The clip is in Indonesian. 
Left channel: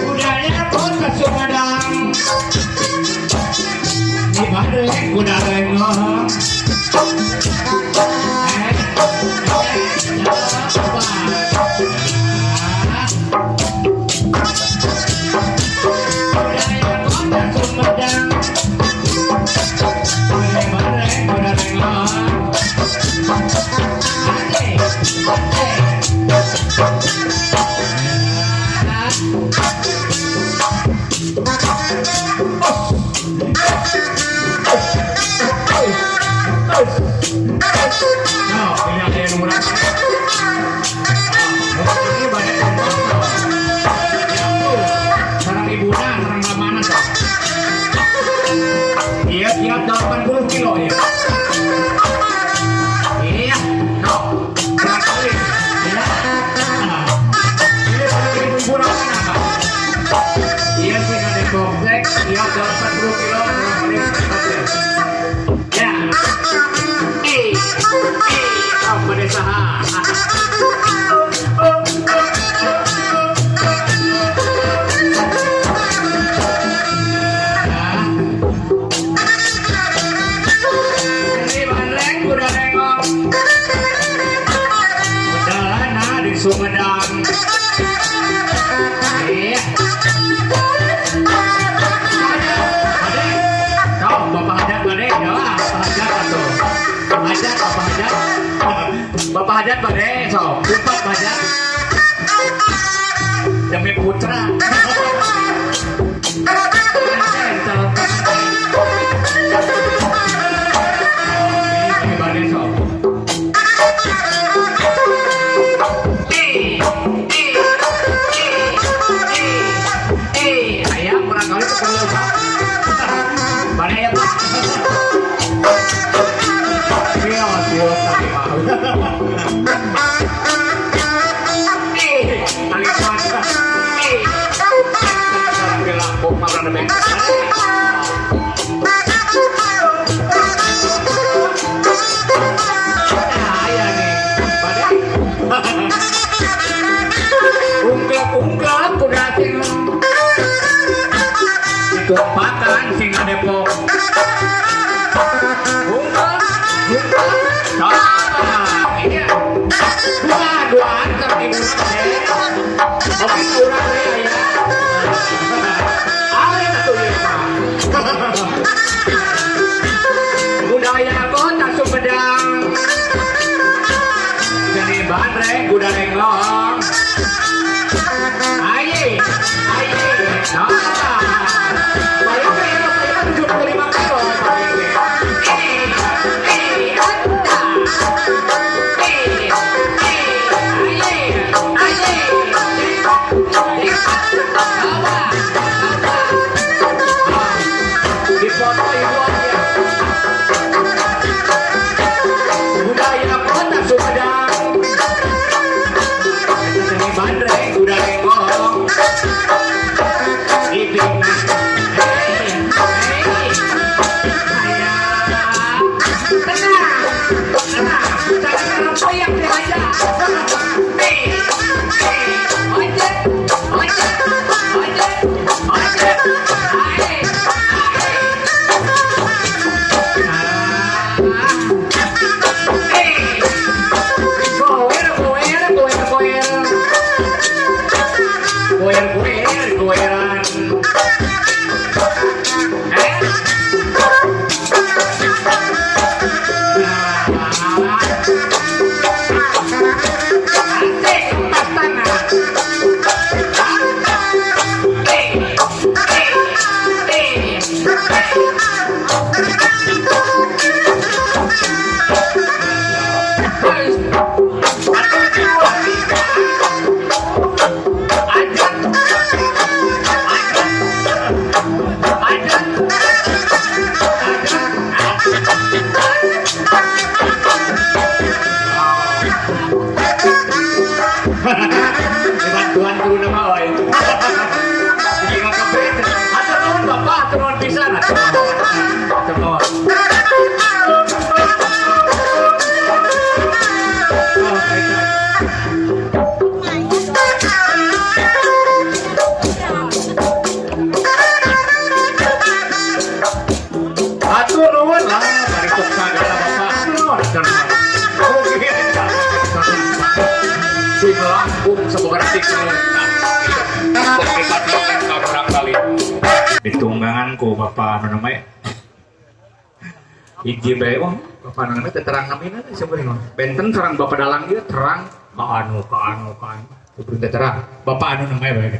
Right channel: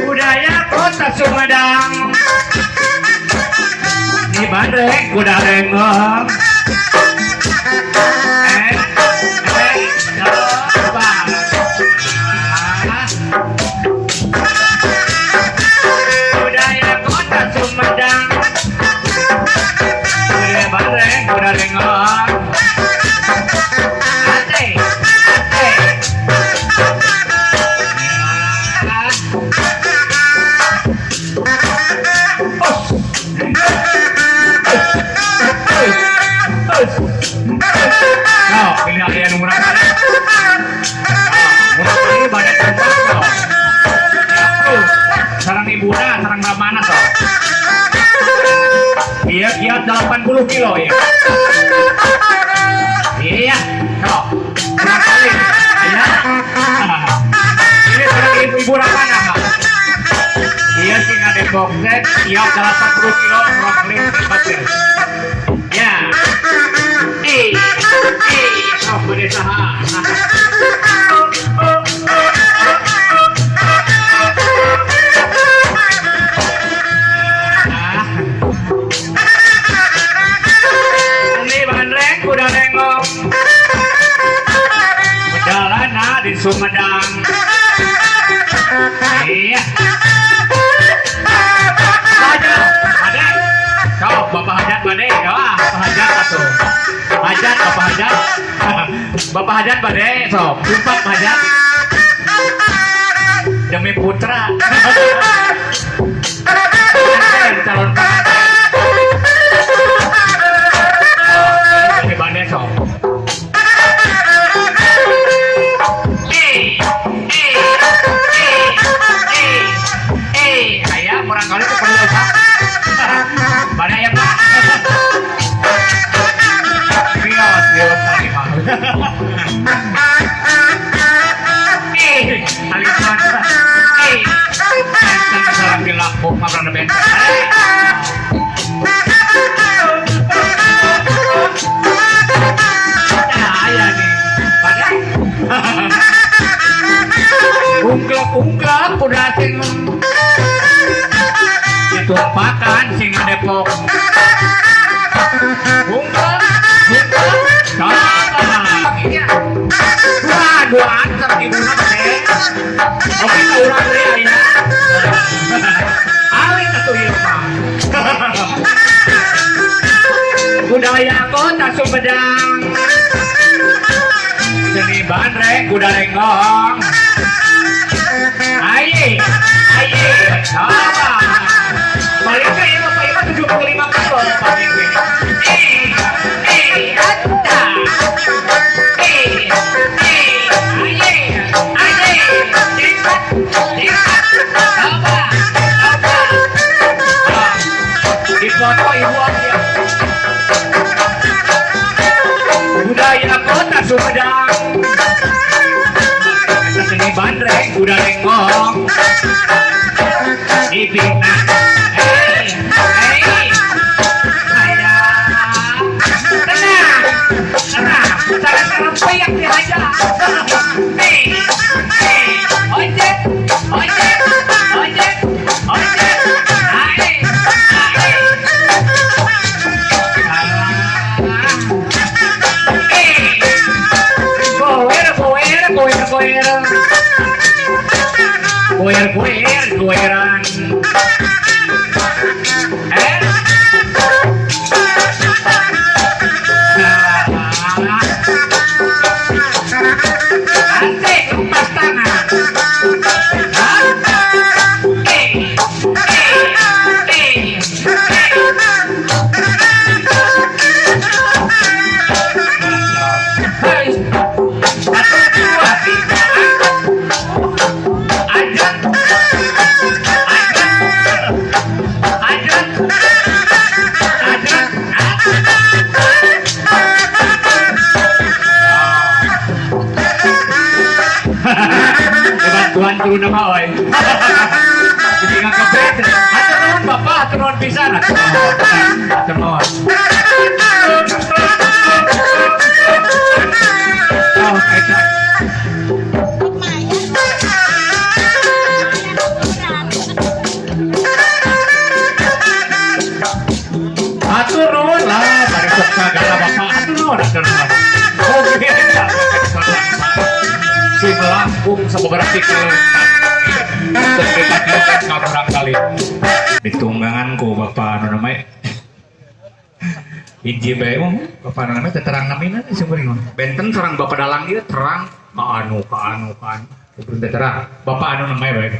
Budaya Kota Sumedang di Bandung kuda rengong. Budaya Kota Sumedang di Bandung kuda rengong. No, pilih ayah nomor apa? Nomor ini banyak tanggung jawab. Sarang ibuna, sarang ramana toh. Iya, 80 kilo ya. Iya, no. Kali. Iya. Ini sarang ibu ramana. Iya sih ada boxek, iya 80 kilo kurang lebih 14. Ya. Oh, berusaha. Ini bandreng kuda rengong. Bedalana di Sumedang. Iya. Ada. Kau Bapak Hajat Bade, ya, Bapak Hajat atau Hajat apa Hajat? Bapak Hajat Bade, so, sumpah Pak Hajat. Demi putra. Calon Pak Bade, so. Ayah kurang kali itu perlu Pak. Bade ya Pak. Ungklak udah sing dituapakan sing Depok. Ungklak dua antar ibu nate. Oke kurang deh ya. Awet satu ya. Budaya Kota Sumedang. Seni bandreng kuda rengong. Aye. Apa? Balik ke yang 75 kilo. Budaya Kota Sumedang. Seni bandreng kuda rengong. Tenang, jangan dihajar. Ojek. Goeran. turun nama oi. Jadi nggak kebet. Atur nuhun bapak, atur nuhun pisan. Atur nuhun. Oh, itu. Atur nuhun lah, dari segala bapak. Atur nuhun, atur nuhun. Oke, si melambung sebeberapa kali. Kita kan orang kali. Ditunggangan ku bapak anu namanya. Hiji bae mah bapak anu namanya terang namina sebenarnya. Benten sareng bapak dalang ieu terang ka anu. Terang. Bapak anu namanya bae.